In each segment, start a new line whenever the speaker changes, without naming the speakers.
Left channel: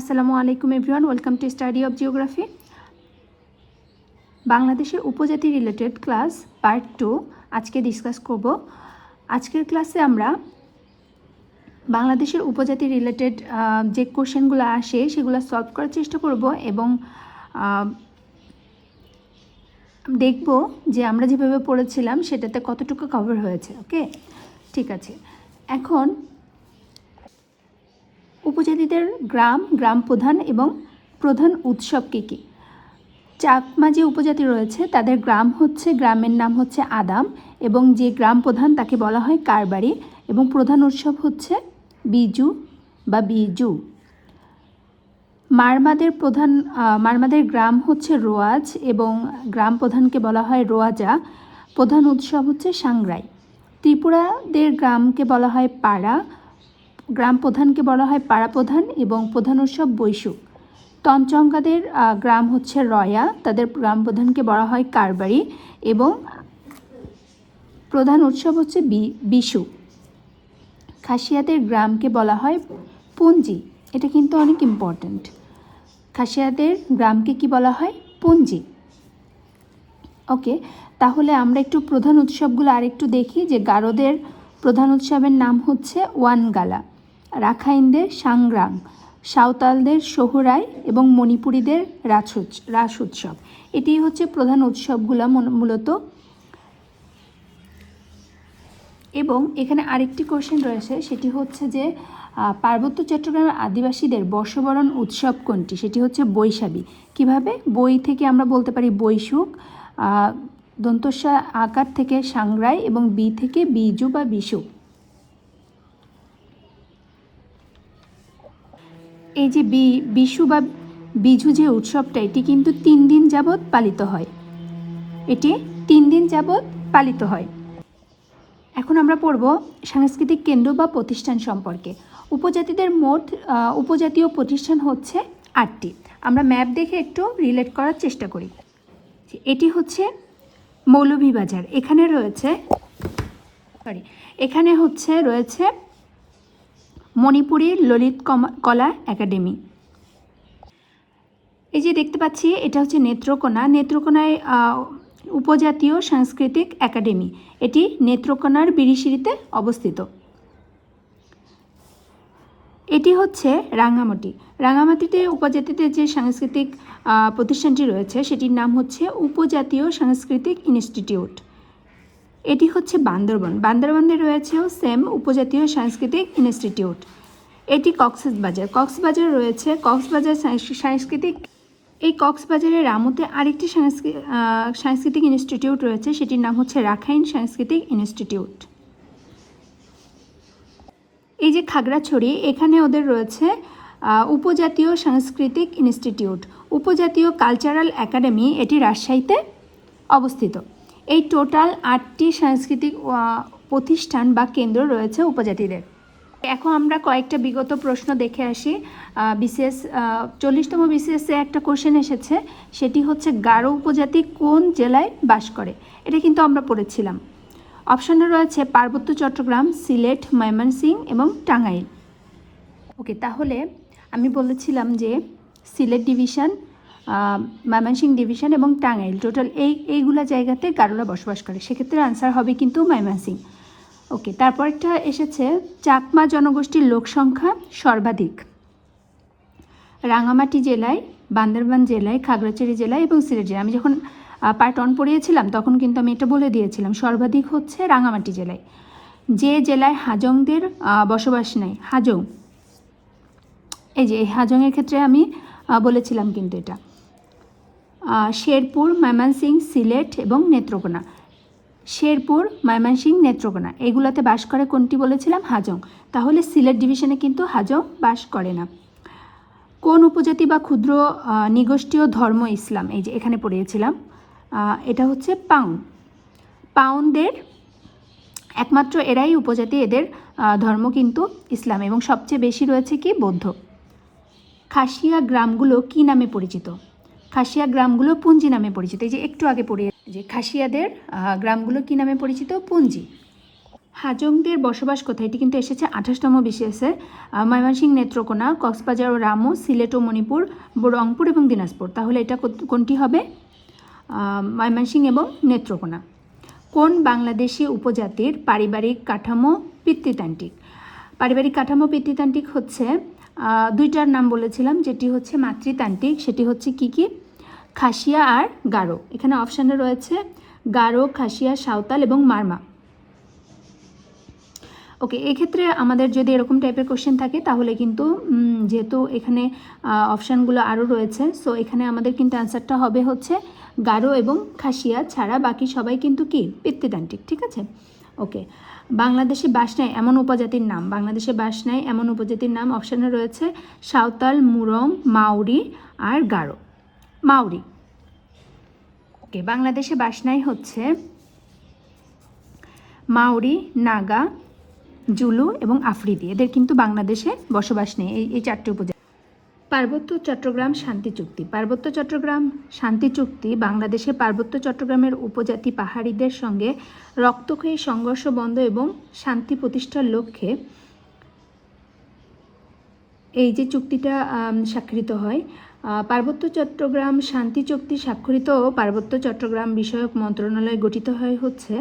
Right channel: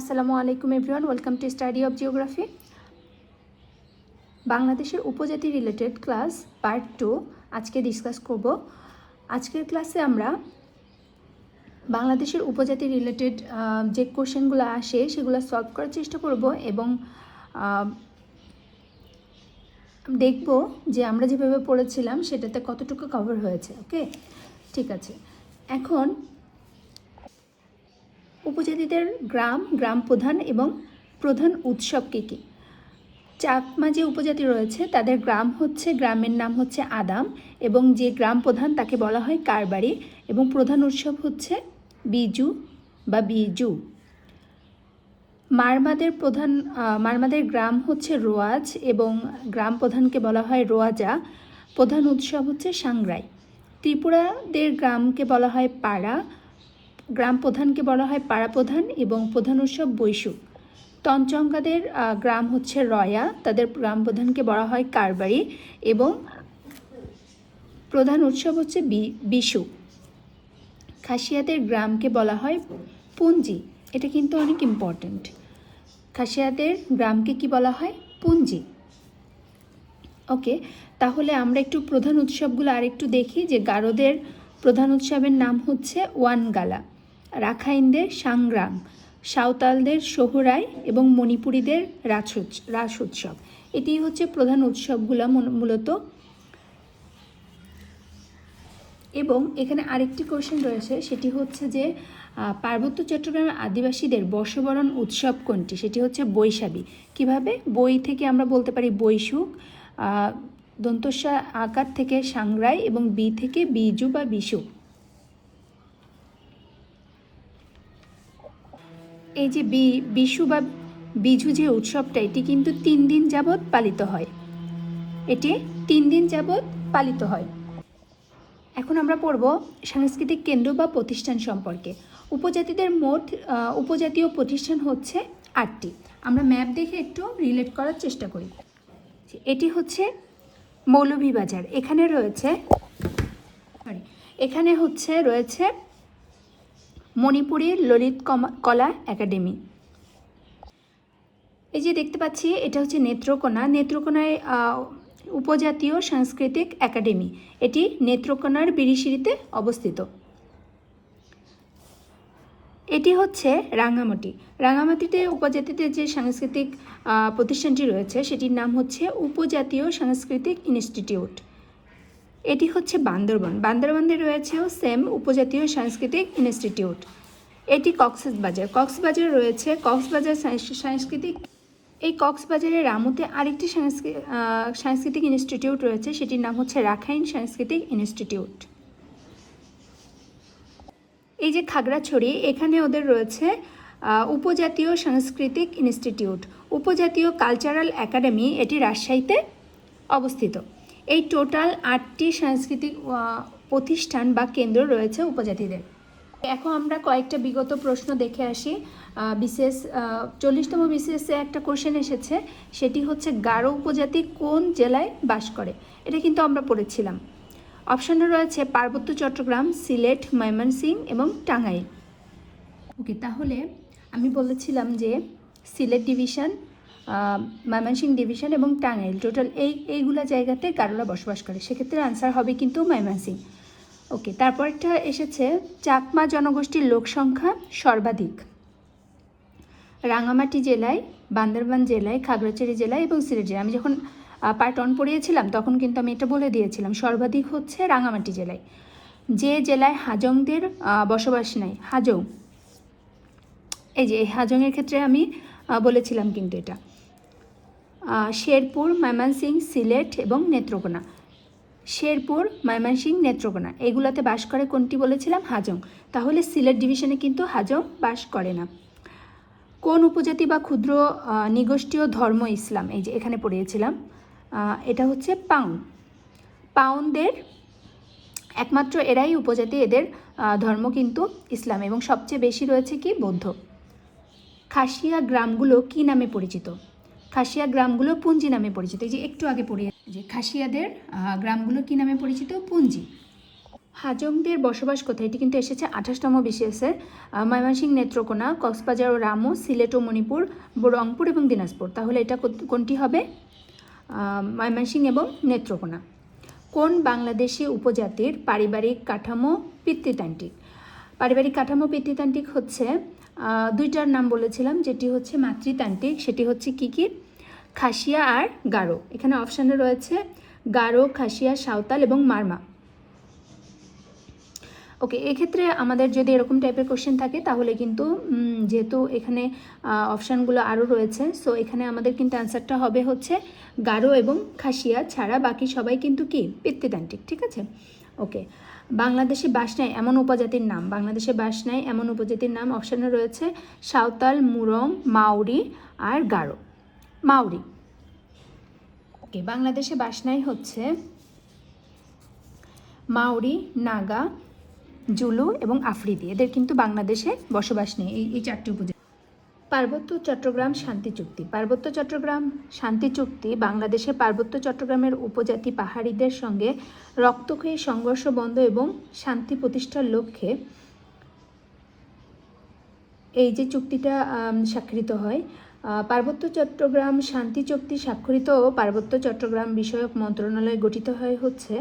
আসসালামু আলাইকুম everyone welcome to study of geography বাংলাদেশের উপজাতি রিলেটেড ক্লাস পার্ট টু আজকে ডিসকাস করব আজকের ক্লাসে আমরা বাংলাদেশের উপজাতি রিলেটেড যে কোশ্চেনগুলো আসে সেগুলো সলভ করার চেষ্টা করব এবং দেখব যে আমরা যেভাবে পড়েছিলাম সেটাতে কতটুকু কভার হয়েছে ওকে ঠিক আছে এখন বাঙালিদের গ্রাম গ্রাম প্রধান এবং প্রধান উৎসব কী কী চাকমা যে উপজাতি রয়েছে তাদের গ্রাম হচ্ছে গ্রামের নাম হচ্ছে আদাম এবং যে গ্রাম প্রধান তাকে বলা হয় কারবারি এবং প্রধান উৎসব হচ্ছে বিজু বা বিজু মারমাদের প্রধান মারমাদের গ্রাম হচ্ছে রোয়াজ এবং গ্রাম প্রধানকে বলা হয় রোয়াজা প্রধান উৎসব হচ্ছে সাংরাই ত্রিপুরাদের গ্রামকে বলা হয় পাড়া গ্রাম প্রধানকে বলা হয় পাড়া প্রধান এবং প্রধান উৎসব বৈশু তঞ্চঙ্গাদের গ্রাম হচ্ছে রয়া তাদের গ্রাম প্রধানকে বলা হয় কারবারি এবং প্রধান উৎসব হচ্ছে বিশু খাসিয়াদের গ্রামকে বলা হয় পুঞ্জি এটা কিন্তু অনেক ইম্পর্ট্যান্ট খাসিয়াদের গ্রামকে কি বলা হয় পুঞ্জি ওকে তাহলে আমরা একটু প্রধান উৎসবগুলো আরেকটু দেখি যে গারোদের প্রধান উৎসবের নাম হচ্ছে ওয়ানগালা রাখাইনদের সাংগ্রাম সাঁওতালদের সোহরাই এবং মণিপুরীদের রাস রাস উৎসব এটি হচ্ছে প্রধান উৎসবগুলো মূলত এবং এখানে আরেকটি কোয়েশ্চেন রয়েছে সেটি হচ্ছে যে পার্বত্য চট্টগ্রামের আদিবাসীদের বর্ষবরণ উৎসব কোনটি সেটি হচ্ছে বৈশাখী কিভাবে বই থেকে আমরা বলতে পারি বৈশুক দন্তস্বা আকার থেকে সাংরাই এবং বি থেকে বীজু বা বিশুক এই যে বি বিশু বা বিজু যে উৎসবটা এটি কিন্তু তিন দিন যাবৎ পালিত হয় এটি তিন দিন যাবৎ পালিত হয় এখন আমরা পড়ব সাংস্কৃতিক কেন্দ্র বা প্রতিষ্ঠান সম্পর্কে উপজাতিদের মোট উপজাতীয় প্রতিষ্ঠান হচ্ছে আটটি আমরা ম্যাপ দেখে একটু রিলেট করার চেষ্টা করি এটি হচ্ছে মৌলভীবাজার এখানে রয়েছে সরি এখানে হচ্ছে রয়েছে মণিপুরের ললিত কলা একাডেমি এই যে দেখতে পাচ্ছি এটা হচ্ছে নেত্রকোনা নেত্রকোনায় উপজাতীয় সাংস্কৃতিক একাডেমি এটি নেত্রকোনার বিরিশিরিতে অবস্থিত এটি হচ্ছে রাঙামাটি রাঙামাটিতে উপজাতিতে যে সাংস্কৃতিক প্রতিষ্ঠানটি রয়েছে সেটির নাম হচ্ছে উপজাতীয় সাংস্কৃতিক ইনস্টিটিউট এটি হচ্ছে বান্দরবান বান্দরবানে রয়েছেও সেম উপজাতীয় সাংস্কৃতিক ইনস্টিটিউট এটি কক্সবাজার কক্সবাজার রয়েছে কক্সবাজার সাংস্কৃতিক এই কক্সবাজারের রামুতে আরেকটি সাংস্কৃতিক ইনস্টিটিউট রয়েছে সেটির নাম হচ্ছে রাখাইন সাংস্কৃতিক ইনস্টিটিউট এই যে খাগড়াছড়ি এখানে ওদের রয়েছে উপজাতীয় সাংস্কৃতিক ইনস্টিটিউট উপজাতীয় কালচারাল একাডেমি এটি রাজশাহীতে অবস্থিত এই টোটাল আটটি সাংস্কৃতিক প্রতিষ্ঠান বা কেন্দ্র রয়েছে উপজাতিদের এখন আমরা কয়েকটা বিগত প্রশ্ন দেখে আসি বিশেষ চল্লিশতম বিশেষে একটা কোশ্চেন এসেছে সেটি হচ্ছে গারো উপজাতি কোন জেলায় বাস করে এটা কিন্তু আমরা পড়েছিলাম অপশানে রয়েছে পার্বত্য চট্টগ্রাম সিলেট ময়মনসিং এবং টাঙ্গাইল ওকে তাহলে আমি বলেছিলাম যে সিলেট ডিভিশন ময়মনসিংহ ডিভিশন এবং টাঙ্গাইল টোটাল এই এইগুলা জায়গাতে কারোরা বসবাস করে সেক্ষেত্রে আনসার হবে কিন্তু ময়মনসিং ওকে তারপর একটা এসেছে চাকমা জনগোষ্ঠীর লোক সংখ্যা সর্বাধিক রাঙামাটি জেলায় বান্দরবান জেলায় খাগড়াছড়ি জেলায় এবং সিলেট জেলায় আমি যখন পার্ট অন পড়িয়েছিলাম তখন কিন্তু আমি এটা বলে দিয়েছিলাম সর্বাধিক হচ্ছে রাঙামাটি জেলায় যে জেলায় হাজংদের বসবাস নেই হাজং এই যে হাজংয়ের ক্ষেত্রে আমি বলেছিলাম কিন্তু এটা শেরপুর ময়মনসিং সিলেট এবং নেত্রকোনা শেরপুর ময়মনসিং নেত্রকোনা এগুলোতে বাস করে কোনটি বলেছিলাম হাজং তাহলে সিলেট ডিভিশনে কিন্তু হাজং বাস করে না কোন উপজাতি বা ক্ষুদ্র নিগোষ্ঠীয় ধর্ম ইসলাম এই যে এখানে পড়িয়েছিলাম এটা হচ্ছে পাউন পাউনদের একমাত্র এরাই উপজাতি এদের ধর্ম কিন্তু ইসলাম এবং সবচেয়ে বেশি রয়েছে কি বৌদ্ধ খাসিয়া গ্রামগুলো কি নামে পরিচিত খাসিয়া গ্রামগুলো পুঞ্জি নামে পরিচিত এই যে একটু আগে পড়িয়ে যে খাসিয়াদের গ্রামগুলো কি নামে পরিচিত পুঞ্জি হাজংদের বসবাস কোথায় এটি কিন্তু এসেছে আঠাশতম বিশেষের ময়মনসিং নেত্রকোনা কক্সবাজার ও রামু সিলেট ও মণিপুর রংপুর এবং দিনাজপুর তাহলে এটা কোনটি হবে ময়মনসিং এবং নেত্রকোনা কোন বাংলাদেশি উপজাতির পারিবারিক কাঠামো পিতৃতান্ত্রিক পারিবারিক কাঠামো পিতৃতান্ত্রিক হচ্ছে দুইটার নাম বলেছিলাম যেটি হচ্ছে মাতৃতান্ত্রিক সেটি হচ্ছে কি কি খাসিয়া আর গারো এখানে অপশানে রয়েছে গারো খাসিয়া সাঁওতাল এবং মারমা ওকে এক্ষেত্রে আমাদের যদি এরকম টাইপের কোশ্চেন থাকে তাহলে কিন্তু যেহেতু এখানে অপশানগুলো আরও রয়েছে সো এখানে আমাদের কিন্তু অ্যান্সারটা হবে হচ্ছে গারো এবং খাসিয়া ছাড়া বাকি সবাই কিন্তু কি পিতৃতান্ত্রিক ঠিক আছে ওকে বাংলাদেশে নেয় এমন উপজাতির নাম বাংলাদেশে নেয় এমন উপজাতির নাম অপশানে রয়েছে সাঁওতাল মুরং মাউরি আর গারো মাউরি ওকে বাংলাদেশে নেয় হচ্ছে মাউরি নাগা জুলু এবং আফ্রিদি এদের কিন্তু বাংলাদেশে বসবাস নেই এই চারটি উপজাতি পার্বত্য চট্টগ্রাম শান্তি চুক্তি পার্বত্য চট্টগ্রাম শান্তি চুক্তি বাংলাদেশের পার্বত্য চট্টগ্রামের উপজাতি পাহাড়িদের সঙ্গে রক্তক্ষয়ী সংঘর্ষ বন্ধ এবং শান্তি প্রতিষ্ঠার লক্ষ্যে এই যে চুক্তিটা স্বাক্ষরিত হয় পার্বত্য চট্টগ্রাম শান্তি চুক্তি স্বাক্ষরিত পার্বত্য চট্টগ্রাম বিষয়ক মন্ত্রণালয় গঠিত হয়ে হচ্ছে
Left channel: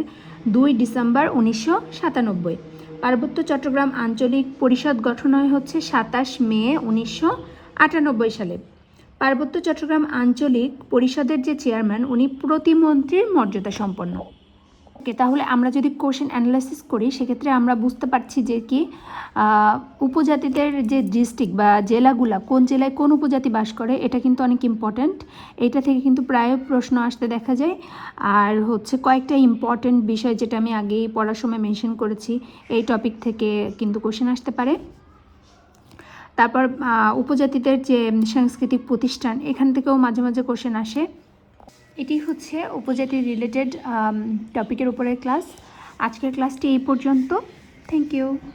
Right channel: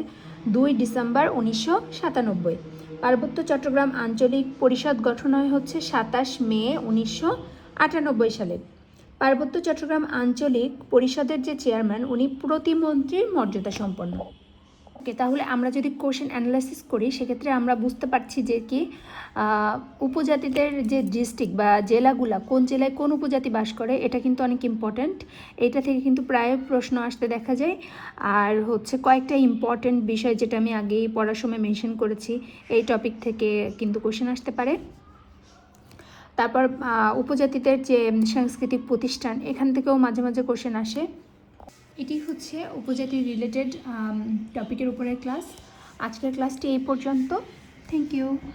দুই ডিসেম্বর উনিশশো সাতানব্বই পার্বত্য চট্টগ্রাম আঞ্চলিক পরিষদ গঠন হয় হচ্ছে সাতাশ মে উনিশশো আটানব্বই সালে পার্বত্য চট্টগ্রাম আঞ্চলিক পরিষদের যে চেয়ারম্যান উনি প্রতিমন্ত্রীর মর্যাদা সম্পন্ন ওকে তাহলে আমরা যদি কোশ্চেন অ্যানালাইসিস করি সেক্ষেত্রে আমরা বুঝতে পারছি যে কি উপজাতিদের যে ডিস্ট্রিক্ট বা জেলাগুলা কোন জেলায় কোন উপজাতি বাস করে এটা কিন্তু অনেক ইম্পর্ট্যান্ট এটা থেকে কিন্তু প্রায় প্রশ্ন আসতে দেখা যায় আর হচ্ছে কয়েকটা ইম্পর্ট্যান্ট বিষয় যেটা আমি আগেই পড়ার সময় মেনশন করেছি এই টপিক থেকে কিন্তু কোশ্চেন আসতে পারে তারপর উপজাতিদের যে সাংস্কৃতিক প্রতিষ্ঠান এখান থেকেও মাঝে মাঝে কোশ্চেন আসে এটি হচ্ছে উপজাতি রিলেটেড টপিকের উপরের ক্লাস আজকের ক্লাসটি এই পর্যন্ত থ্যাংক ইউ